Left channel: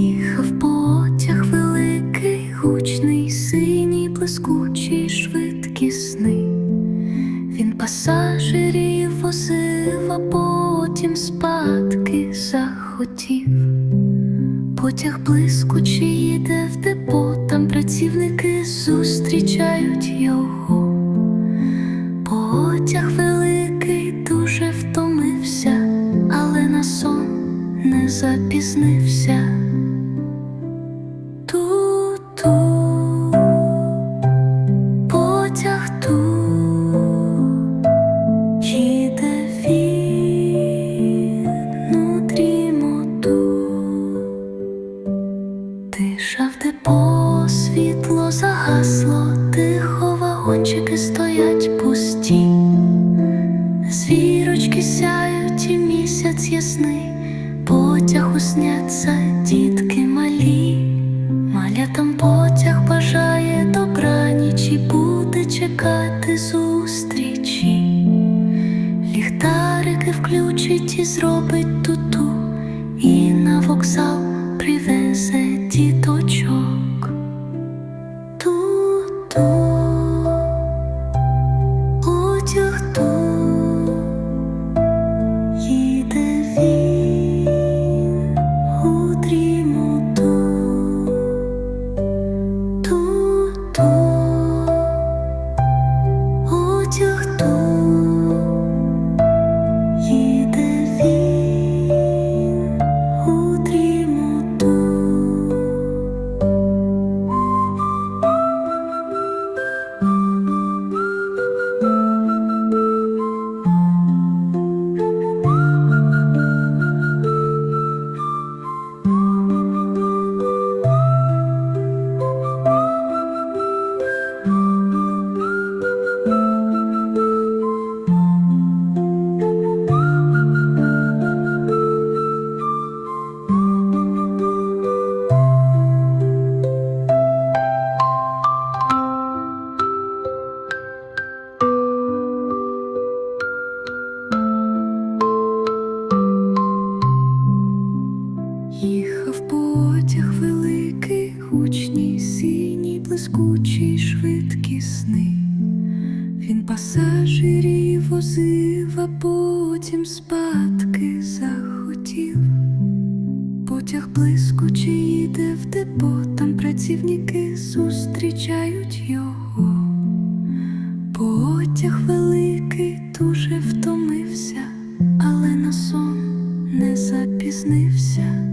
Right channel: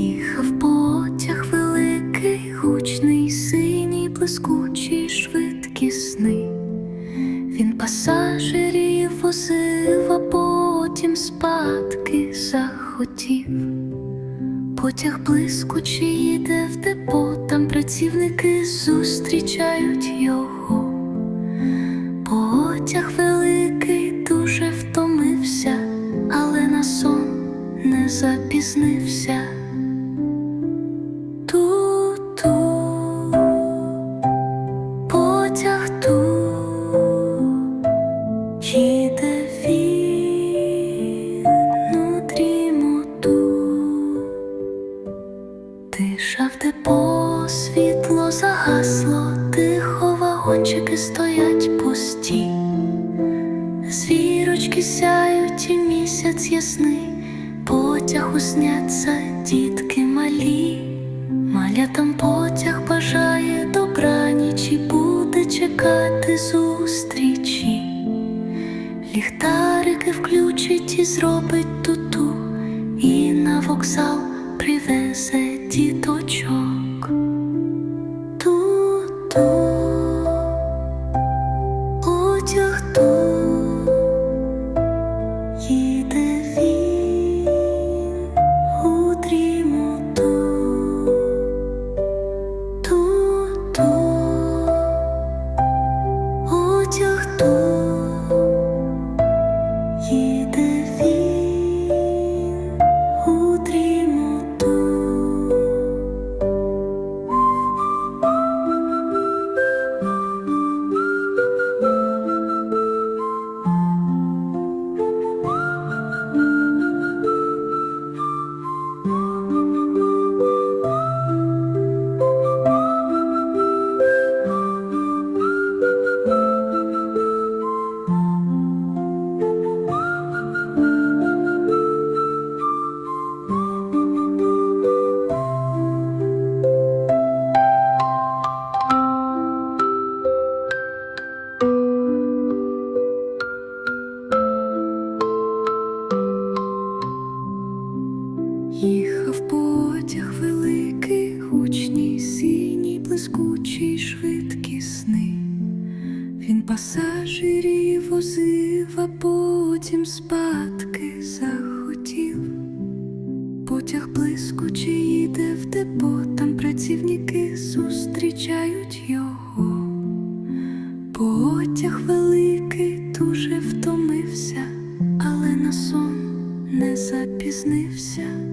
Їхав потяг великий, гучний, синій, блискучий, швидкісний. Він пасажирів возив, а потім спадки захотів. Потяг блискучий йде в депо, там працівники зустрічають його. Потяг великий дуже втомився, але на сон не запізнився. Тихо вагончики стоять пусті. Звірочки сяють і місяць ясний, потяг усняться дітки малі. Малятам потяг бажає добраніч і буде чекати зустрічі. Ліхтарики включить і зробить туту, і на вокзал привезе діточок. Потяг ту, їде він у дрімоту. Їхав потяг великий, гучній, синій, блискучий, швидкісний. Він пасажирів возив, а потім спадки захотів. Потяг блискучий їде в депо, там працівники зустрічають його. Потяг великий дуже втомився, але на сон не запізнився.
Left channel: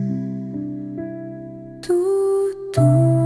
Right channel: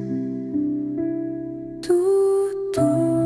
Ту-ту,